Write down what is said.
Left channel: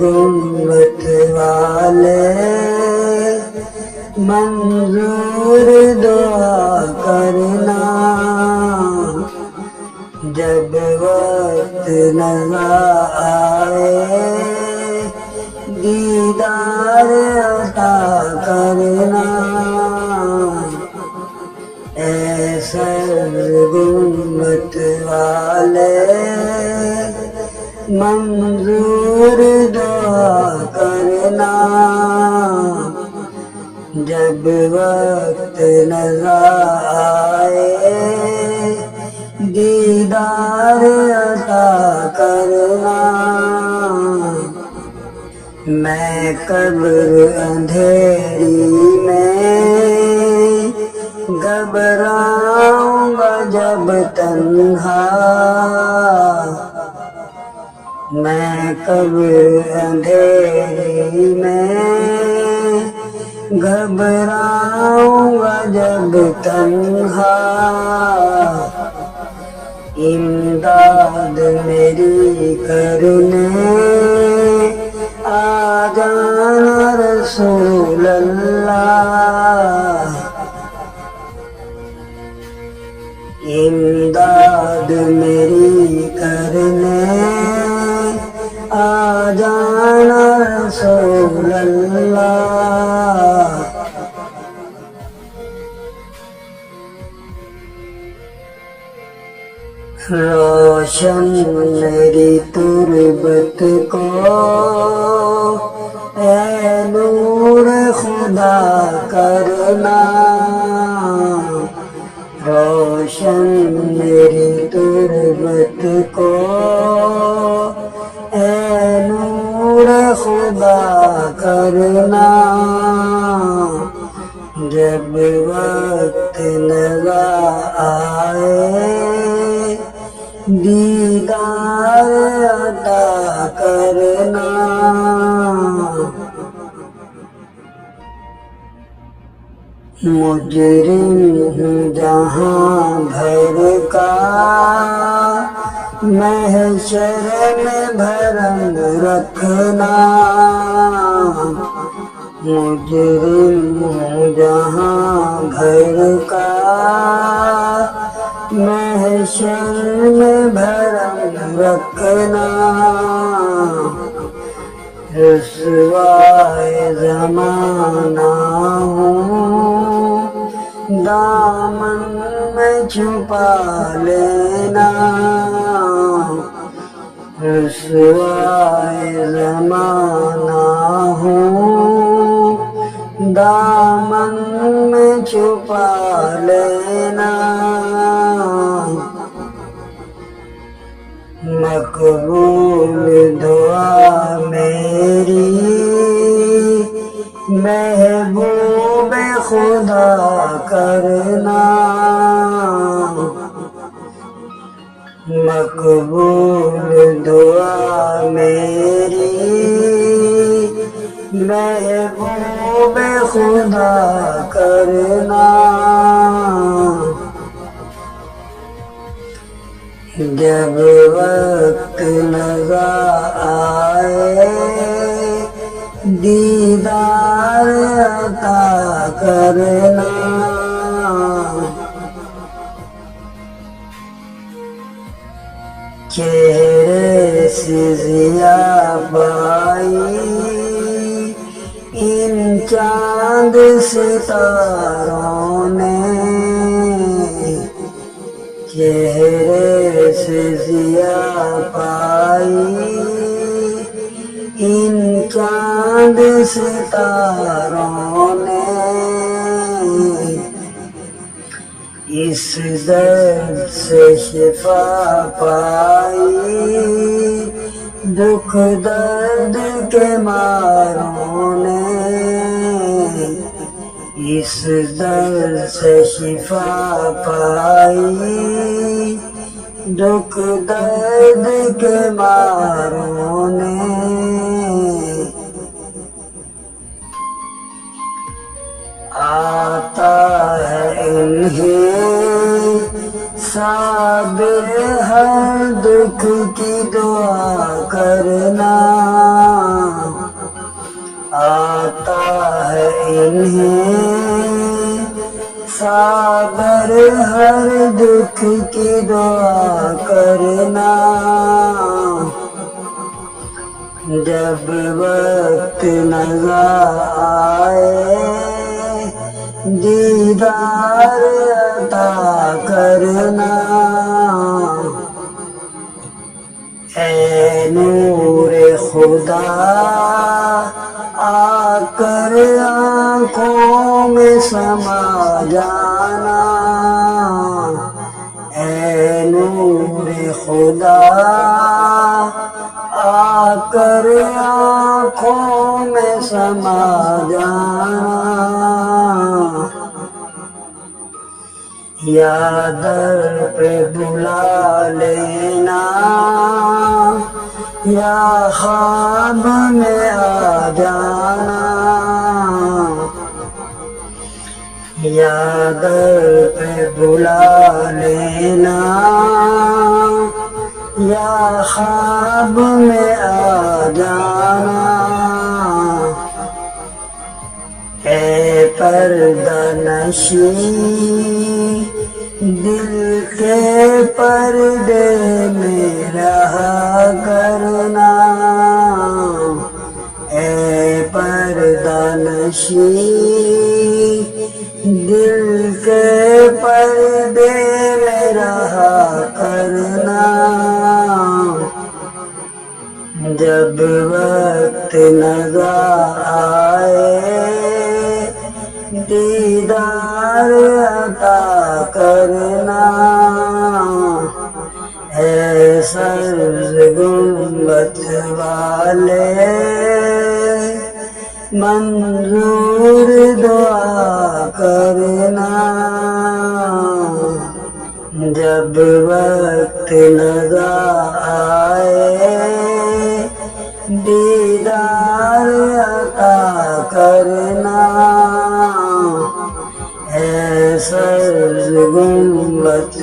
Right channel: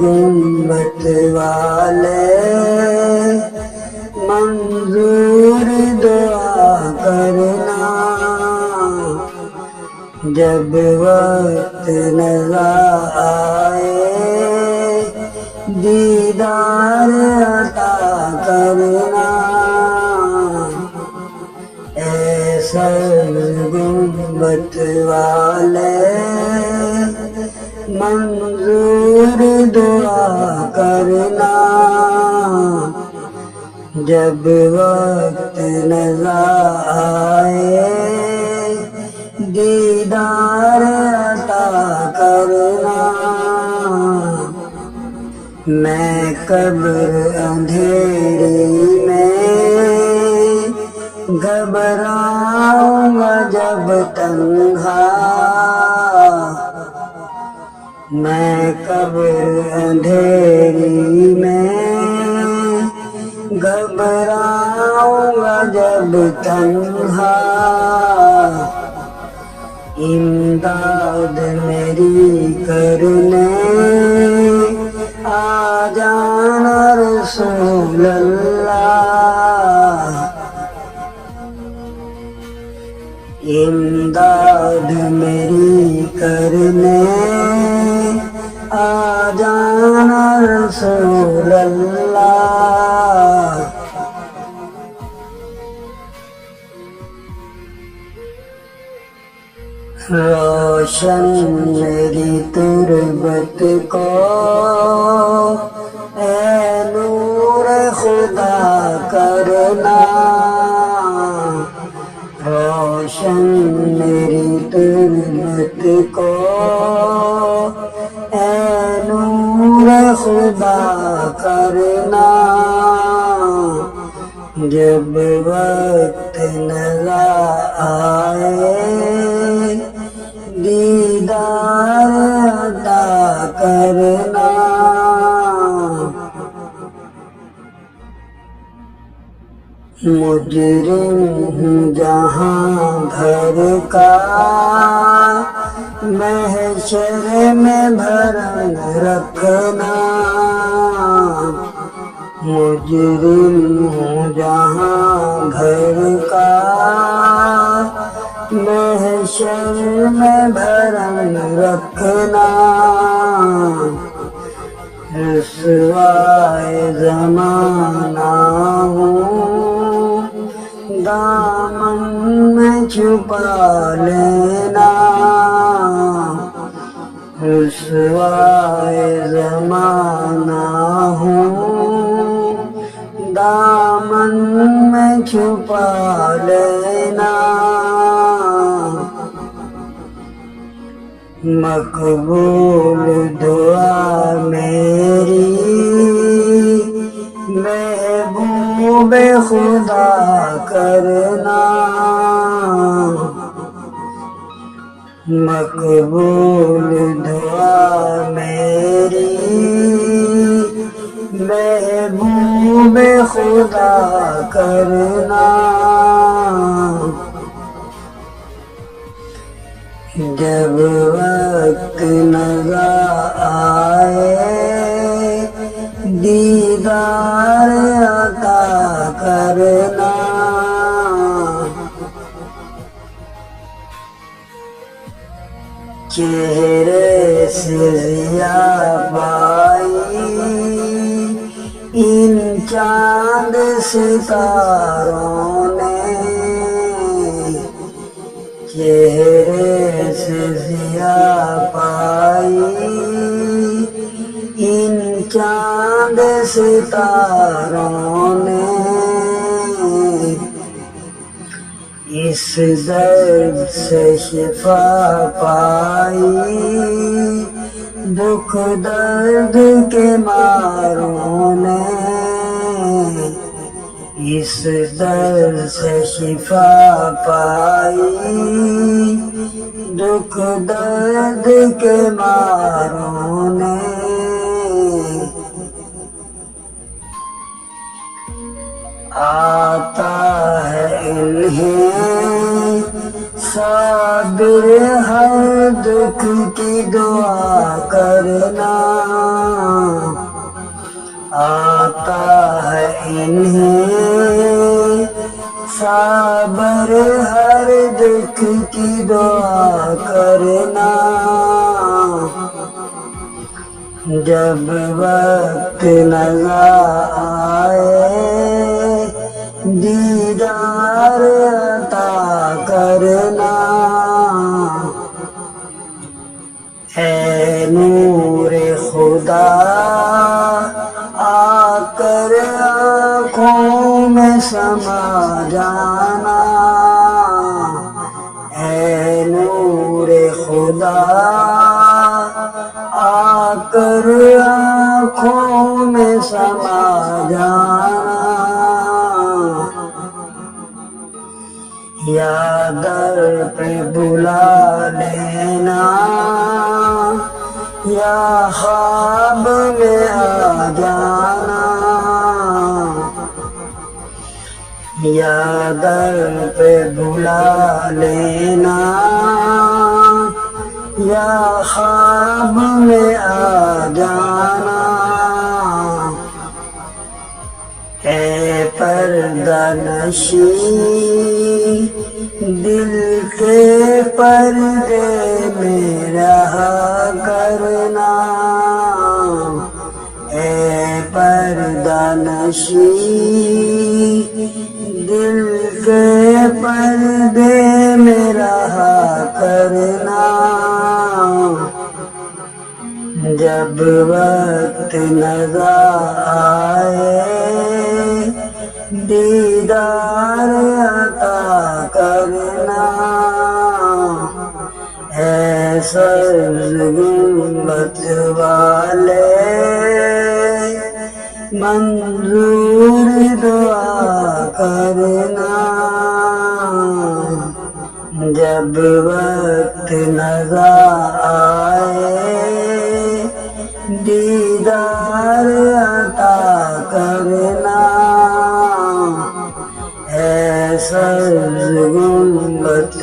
گنبد والے منظور دعا کرنا، جب وقت نظر آئے دیدار عطا کرنا۔ اے سر گنبد والے منظور دعا کرنا، جب وقت نظر آئے دیدار عطا کرنا۔ میں قبر اندھیری میں گھبراؤں گا جب تنہا، میں قبر اندھیری میں گھبراؤں گا جب تنہا، امداد میری کرنے آ جانا رسول اللہ، امداد میری کرنے آ جانا رسول اللہ۔ روشن میری تربت کو اے نور خدا کرنا، روشن میری تربت کو اے نور خدا کرنا، جب وقت نظر آئے دیدار عطا کرنا۔ مجرم جہاں بھر کا محشر میں بھرم رکھنا، مجرم جہاں بھر کا محشر میں بھرم رکھنا، رسوائے زمانہ ہوں دامن میں چھپا لینا، رسوائے زمانہ ہوں دامن میں چھپا لینا، مقبول دعا میری محبوب خدا کرنا، مقبول دعا میری محبوب خدا کرنا، جب وقت نظر آئے دیدار عطا کرنا۔ چہرے سے ضیاء آئی ان چاند ستاروں نے، چہرے سے ضیاء پائی ان چاند ستاروں نے، اس درد سے شفا پائی دکھ درد کے ماروں نے، اس درد سے شفا پائی، دکھ درد کے ماروں نے آتا ہے انہیں صابر ہر دکھ کی دعا کرنا، آتا ہے انہیں صابر ہر دکھ کی دعا کرنا، جب وقت نظر آئے دیدار عطا کرنا، اے نور خدا آ کر آنکھوں میں سما جانا، اے نور خدا آ کر آنکھوں میں سما جانا، یا در پہ بلا لینا، یا خواب میں آ جانا، یا در پہ بلا لینا، یا خواب میں آ جانا، اے پردہ نشین دل کے پردے میں رہا کرنا، اے پردہ نشین دل کے پردے میں رہا کرنا، جب وقت نظر آئے دیدار عطا کرنا، اے سبز گنبد والے منظور دعا کرنا، جب وقت نظر آئے دیدار عطا کرنا، اے سبز گنبد